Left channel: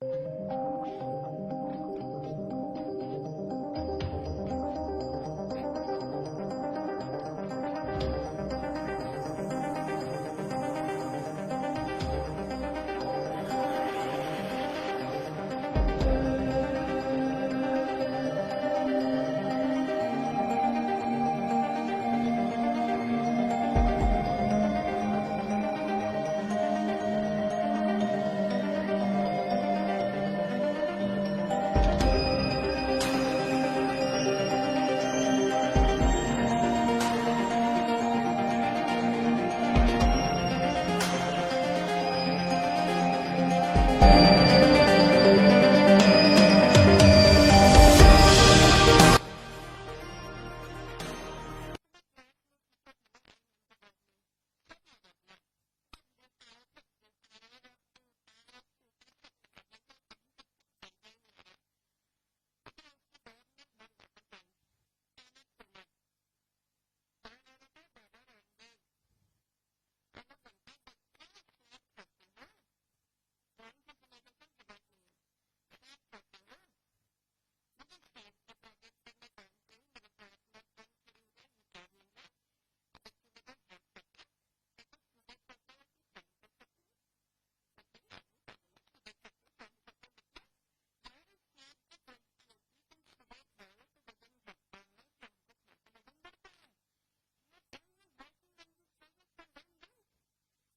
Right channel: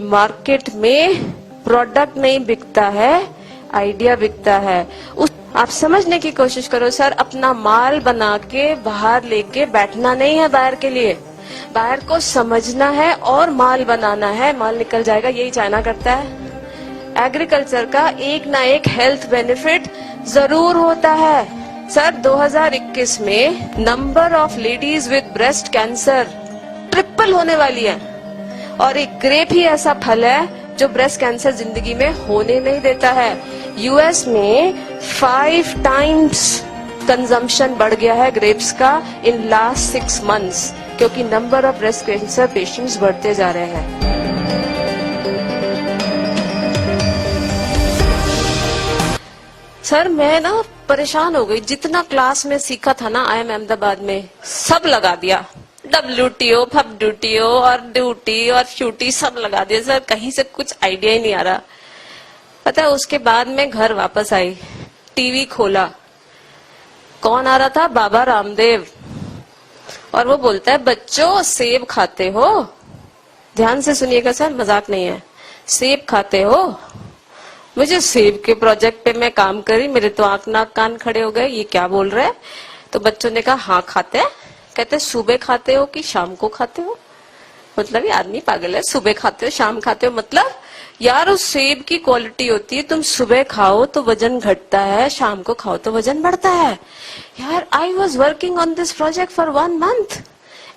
Market में product नहीं बिकता है, आइडिया बिकता है। आप समझने की कोशिश करो सर, अपना माल बना के बाहर लेके बैठना नहीं है बाहर के लिए, बाहर को समझना है और माल बनाना है, माल निकल जाएगा। यही चाइना करता है। एग्रीकल्चर का एक ना एक हेल्थ बेनिफिट जरूर होता है सर। 2021 में number of ladies with breast cancer triple होने वाली है, और एक ग्रेप ही ऐसा फल है जो ब्रेस्ट कैंसर जिंदगी में होने नहीं देता है। यूएस में 5 टाइम्स कंजम्पशन बढ़ गया है ग्रेप्स का इन लास्ट 6 मंथ्स, क्योंकि number of breast cancer patients बढ़ते जा रहे हैं। सर मैं ना परेशान हो गई, जितना क्लास में सीखा था ना IIM अहमदाबाद में सब लगा दिया। WTO, FWTO और ड्यूटी और फ्यूटी सब लगा दिया सर, कहीं से कुछ आइडिया ही नहीं आ रहा। पता है उसके बाद में घर वापस आई, टीवी खोला, कौन आ रहा था? बाबा रामदेव। और वो बोलता है बच्चों सेब खाते हो? ध्यान से सुनिएगा सर, मजाक नहीं है। सेब खाते हो? मुझे सेब के प्रोजेक्ट पे मैं काम करी, मेरे तो आंख नाक कान खड़े हो गए, ये क्या बोल रहे हैं? तो बच्चों ने कहा हाँ खाते हैं। कहते सुबह खाते हो कि शाम को खाते हो? मतलब ये आदमी पागल है, सुबह खाते हो शाम खाते हो मतलब? यार उस सेब की क्वालिटी होती है, तुम सुबह खाओ तो वजन घटता है, शाम को खाओ तो वजन बढ़ता है। यार I was working on this project for 1 month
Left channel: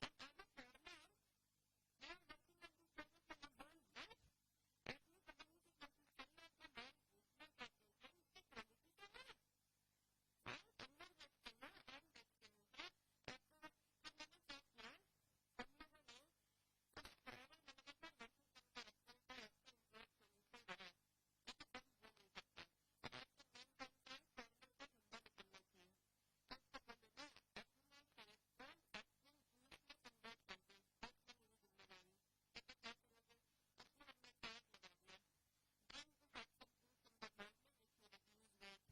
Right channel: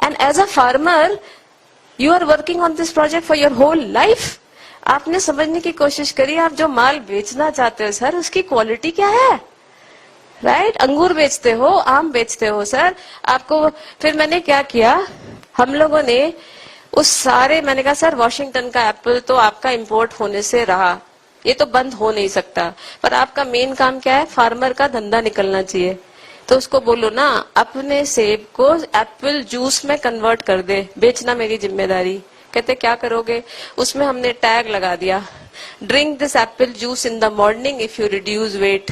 and as a farmer you are working on this project for your whole life. आपने समझने की कोशिश करी, आप जो माल बेचना चाहते हो सर उसकी क्वालिटी क्या है, राइट? अंगूर बेचते हो, आम बेचते हो सर आपको। फिर मैंने क्या किया, हम लोगों ने उस सारे, मैंने कहा सर वॉशिंगटन का एप्पल तो आपका इंपोर्ट होने से रहा, ये तो बंद हो नहीं सकता, पर आपका मेन काम क्या है? फार्मर का धंधा निकलना चाहिए। तो उसको बोलो ना अपने सेब को एप्पल जूस में कन्वर्ट कर दे, बेचना मेरी जिम्मेदारी। कहते क्या करोगे? उसमें हमने टैग लगा दिया, drink this apple juice in the morning if you reduce weight,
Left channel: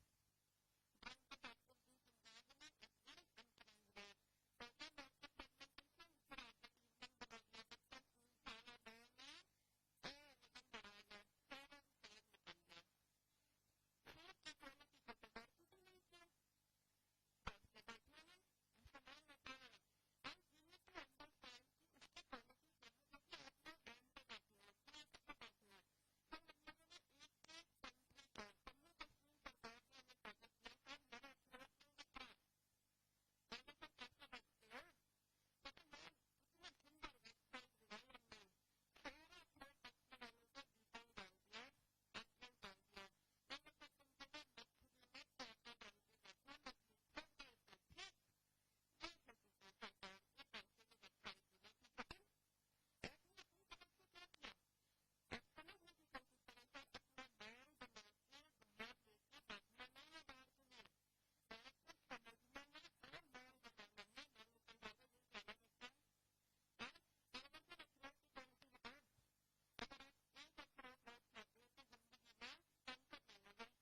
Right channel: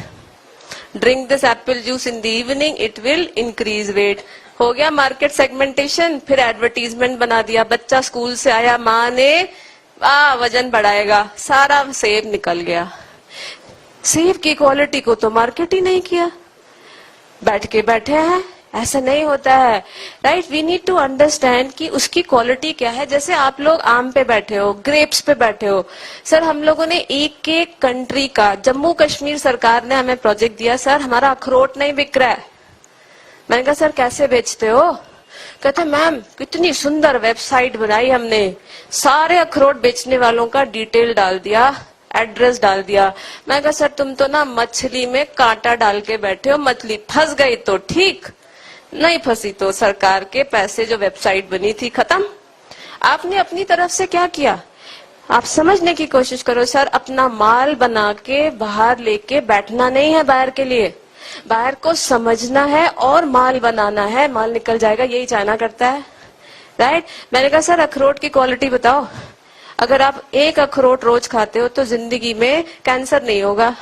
drink this apple juice in the evening it will increase weight. हो गया मार्केट सेगमेंटेशन। फिर एडवर्टीजमेंट बना दिया, बच्चा स्कूल से आया, माँ ने वजन बढ़ाएगा, सारा सेब निकल गया। सेब की क्वालिटी को तो मार्केट ही नहीं किया, बैठ के बैठे हैं। ऐसा नहीं होता है, right? We need to understand कि उसकी क्वालिटी क्या है। जैसे आप लोग आम पे बैठे हो, ग्रेप्स पे बैठे हो सर, हम लोगों ने एक एक कंट्री का, जम्मू कश्मीर सरकार ने हमें प्रोजेक्ट दिया, सर हमारा अखरोट नहीं बिक रहा है। मैंने कहा सर कैसे बेचते हो? कहते मैम कितनी सुंदर वेबसाइट बनाई हमने, सारे अखरोट बेचने वालों का डिटेल डाल दिया, एड्रेस डाल दिया। मैं कहा सर तुम तो ना मछली में कांटा डाल के बैठे हो, मछली फंस गई तो ठीक, नहीं फंसी तो सरकार के पैसे, जो वेबसाइट बनी थी खत्म। आपने अपनी तरफ से क्या किया? आप समझने की कोशिश करो सर, अपना माल बना के बाहर लेके बैठना नहीं है बाहर के लिए, बाहर को समझना है और माल बनाना है, माल निकल जाएगा। यही चाइना करता है, राइट? मैंने कहा सर अखरोट की क्वालिटी बताओ। अगर आप एक अखरोट रोज खाते हो तो जिंदगी में कैंसर नहीं होगा।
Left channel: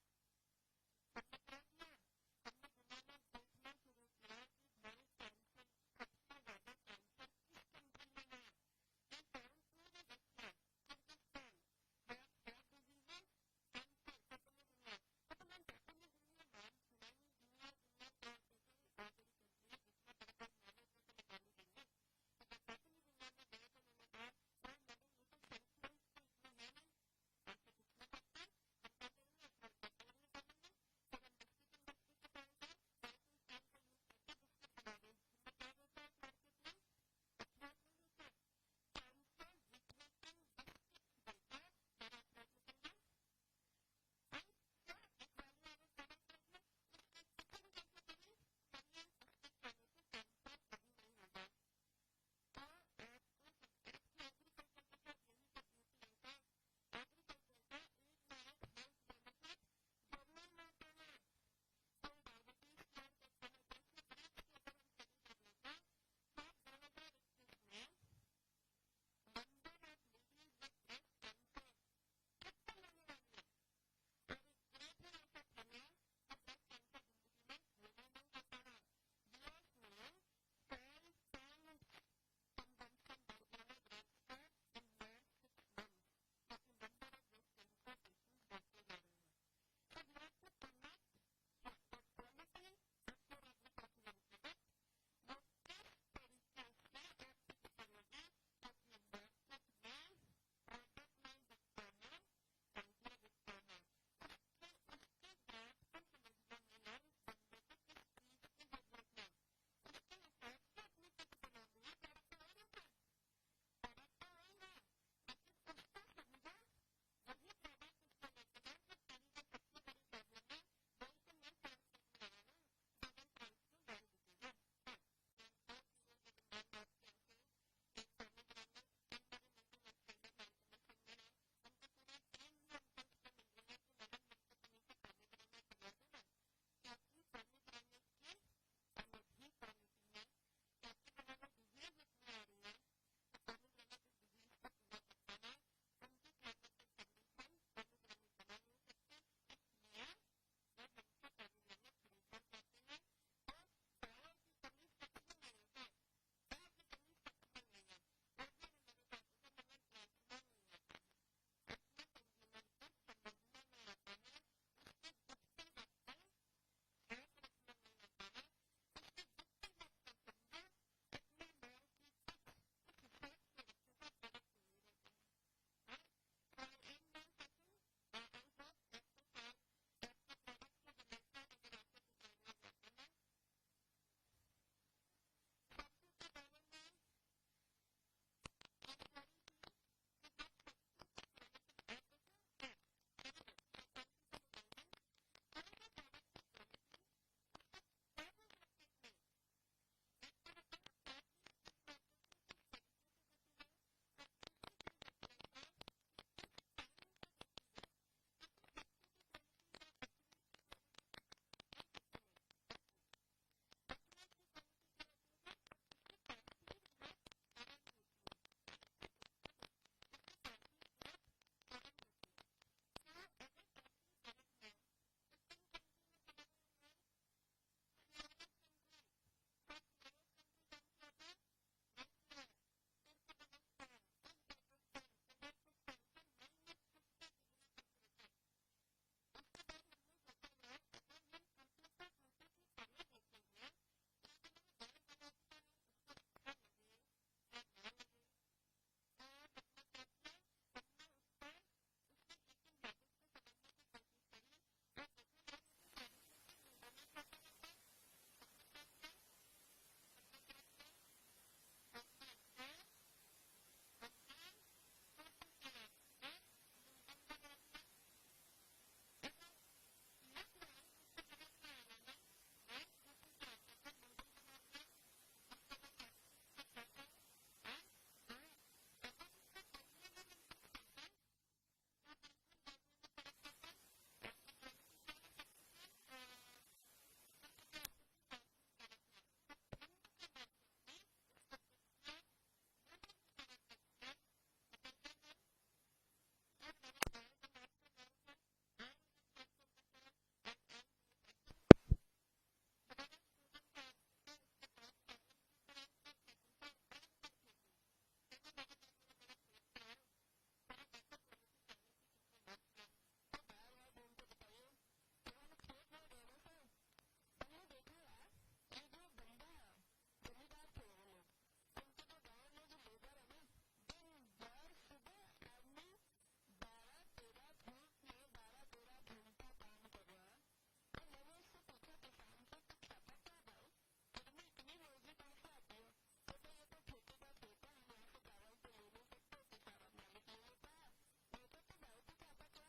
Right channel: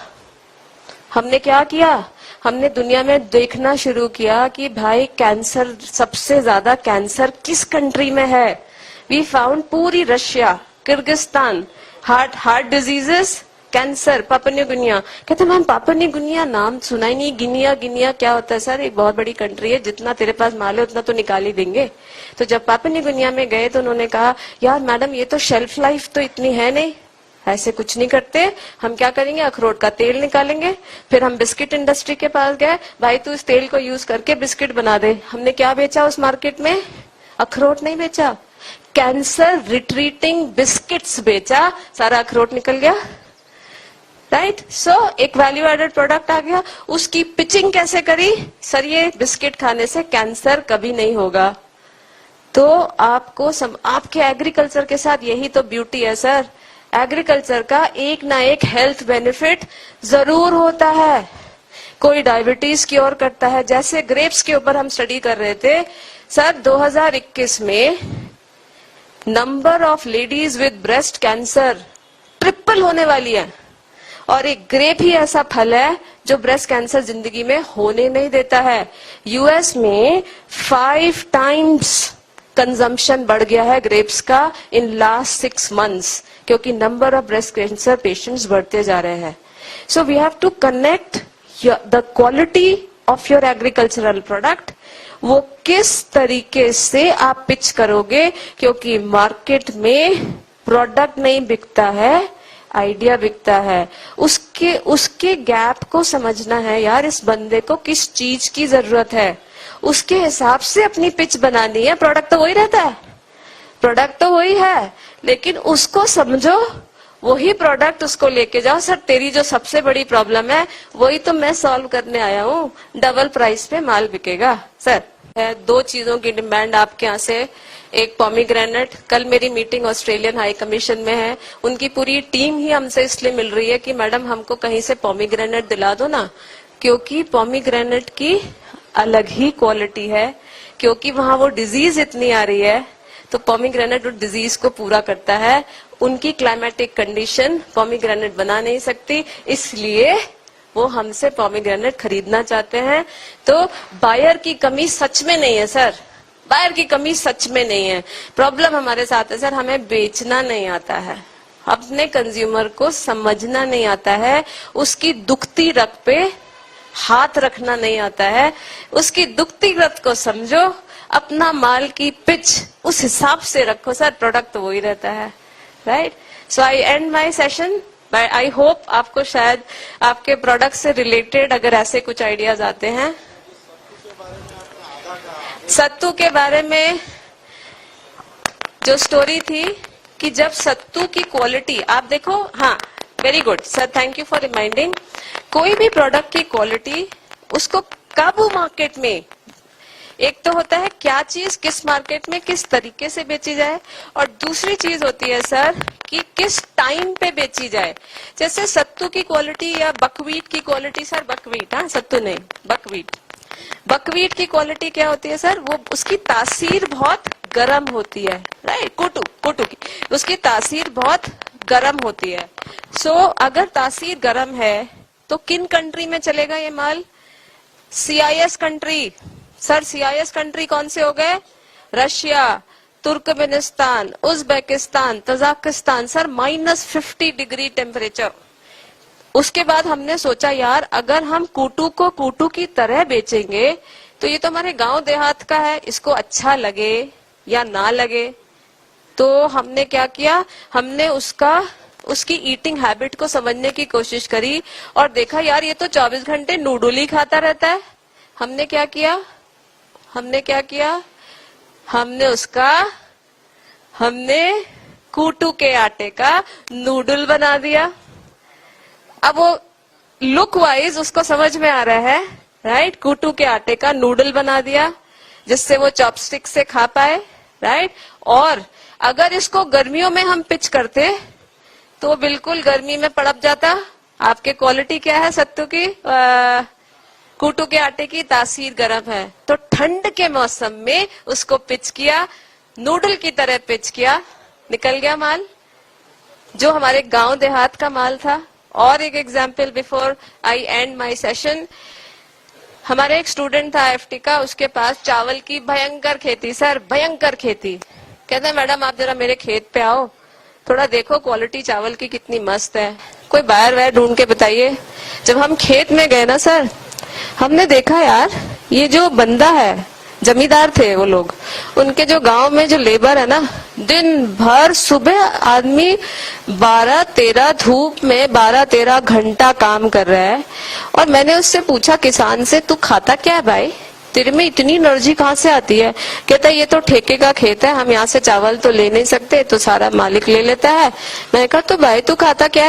हमने क्या किया? हमने दुनिया में देखना शुरू किया कि भाई कैंसर, सबसे ज्यादा कैंसर किस कंट्री में है। वी फाउंड पूरी Russia, Kyrgyzstan, heart diseases, cancer, Papua new Guinea. कहते मैम पापुआ न्यू गिनिया नाम सुना ही नहीं, गिनिया क्या होता है? सर एक बहुत बड़ी कंट्री है, जितना तेरे पास माल है उतना तो निकाल ही देंगे। तो जब पापुआ न्यू गिनिया में गए तो उन्होंने कहा यार मैडम ये तो शेल्फ लाइफ तो इतनी है नहीं, ऐसे कुछ नहीं करते। हम क्या करेंगे, अखरोट का तेल निकालेंगे। फिर हम बिस्किट इंडस्ट्री के पास गए, भाई तू इस तेल को यूज करके बिस्किट बना दे। हमने क्या बेचा उस मार्केट में? अखरोट नहीं बेचा, कैंसर रिट्रीटिंग बिस्किट्स बेचा, सारा अखरोट निकल गया, राइट? सो एक वैल्यू एडेड प्रोडक्ट आ गया। उसकी पिचिंग कैसे करी? सर ये बिस्किट खाने से कैंसर कभी नहीं होगा। तो आपको आपके एग्रीकल्चर के साथ यही तो ब्यूटी है सर, एग्रीकल्चर का एक ना एक हेल्थ बेनिफिट जरूर होता है। कोई डायबिटीज क्योर करता है, जैसे ग्रेप्स के ऊपर हम स्टडी कर रहे थे सर। 2021 में number of ladies with breast cancer triple होने वाली है, और एक ग्रेप ही ऐसा फल है जो ब्रेस्ट कैंसर जिंदगी में होने नहीं देता है। यूएस में 5 टाइम्स कंजम्पशन बढ़ गया है ग्रेप्स का इन लास्ट 6 months, क्योंकि number of breast cancer patients बढ़ते जा रहे हैं. So we have to connect the quality of your agricultural product. वो किस तरीके से आप पिच करोगे, क्योंकि मार्केट में प्रोडक्ट नहीं बिकता है, आइडिया बिकता है. उसके गैप को समझना है यार. इस बंदे को किस चीज की जरूरत है, उसके हिसाब से अपनी पिच बनानी है. प्रोडक्ट तो वही रहता है, प्रोडक्ट तो वही है, लेकिन उसको समझो, वही प्रोडक्ट उसको लेके जाओ. सर तेरी जो सबसे बड़ी प्रॉब्लम है वही तो मैं सॉल्व करने आया हूँ, डबल प्राइस पे माल बिकेगा. सर 2 चीजों की डिमांड आपके यहाँ से. एक पॉमीग्रेनेट. कल मेरी मीटिंग ऑस्ट्रेलियन हाई कमीशन में है. उनकी पूरी टीम ही हमसे इसलिए मिल रही है कि मैडम हमको कहीं से पॉमीग्रेनेट दिला दो ना, क्योंकि पॉमीग्रेनेट की अलग ही क्वालिटी है. क्योंकि वहां वो डिजीज इतनी आ रही है, तो पॉमीग्रेनेट उस डिजीज को पूरा करता है. उनकी क्लाइमेटिक कंडीशन पॉमीग्रेनेट बना नहीं सकती, इसलिए वो हमसे पॉमीग्रेनेट खरीदना चाहते हैं. तो बायर की कमी सच में नहीं है सर, बायर की कमी सच में नहीं है. प्रॉब्लम हमारे साथ है सर, हमें बेचना नहीं आता है, अपने कंज्यूमर को समझना नहीं आता है, उसकी दुखती रग पे हाथ रखना नहीं आता है. उसकी दुखती रग को समझो, अपना माल की पिच उस हिसाब से रखो. सर प्रोडक्ट तो वही रहता है, right. So I and my session. I hope आपको शायद आपके प्रोडक्ट से रिलेटेड अगर ऐसे कुछ आइडियाज आते हैं. सत्तू के बारे में जो स्टोरी थी कि जब सत्तू की क्वालिटी आप देखो. हाँ, very good sir, thank you for reminding. कोई भी प्रोडक्ट की क्वालिटी उसको कब मार्केट में, एक तो होता है क्या चीज किस मार्केट में किस तरीके से बेची जाए, और दूसरी चीज होती है सर कि किस टाइम पे बेची जाए. जैसे सत्तू की क्वालिटी या बकवीट की क्वालिटी. सर बकवीट, हाँ सत्तू नहीं, बकवीट. बकवीट की क्वालिटी क्या होती है सर, वो उसकी तासीर बहुत गर्म होती है, राइट. कोटू की उसकी तासीर बहुत गर्म होती है. सो अगर तासीर गर्म है तो किन कंट्री में चलेगा ये माल? CIS country. Sir CIS country कौन से हो गए? Russia, Turkmenistan, Uzbekistan, Tajikistan. Sir -50 degree temperature. उसके बाद हमने सोचा यार अगर हम कूटू को कूटू की तरह बेचेंगे तो ये तो हमारे गांव देहात का है, इसको अच्छा लगे या ना लगे. तो हमने क्या किया, हमने उसकी ईटिंग हैबिट को समझने की कोशिश करी और देखा यार ये तो 24 घंटे नूडल ही खाता रहता है. हमने क्या किया, हमने कूटू के आटे का नूडल बना दिया. अब वो लुक वाइज उसको समझ में आ रहा है, राइट. कूटू के आटे का नूडल बना दिया जिससे वो चॉपस्टिक से खा पाए, राइट. और अगर इसको गर्मियों में हम पिच करते तो बिल्कुल गर्मी में पड़प जाता. आपके क्वालिटी क्या है सत्तू की, कूटू के आटे की तासीर गर्म है. तो ठंड के मौसम में उसको पिच किया, नूडल की तरह पिच किया, निकल गया माल जो हमारे गांव देहात का माल था. और एक example before I and my session. हमारे एक स्टूडेंट था IFT का, उसके पास चावल की भयंकर खेती. सर भयंकर खेती. कहते हैं मैडम आप जरा मेरे खेत पे आओ, थोड़ा देखो क्वालिटी चावल की कितनी मस्त है, कोई बायर वायर ढूंढ के बताइए. जब हम खेत में गए ना सर, हमने देखा यार ये जो बंदा है, जमींदार थे वो लोग, उनके जो गांव में जो लेबर है ना, दिन भर सुबह आदमी 12-13 धूप में 12-13 घंटा काम कर रहा है. और मैंने उससे पूछा किसान से, तू खाता क्या है भाई, तेरे में इतनी एनर्जी कहाँ से आती है? कहता है ये तो ठेके का खेत है, हम यहाँ से चावल तो ले नहीं सकते, तो सारा मालिक ले लेता है. मैंने कहा तो भाई तू खाता क्या है?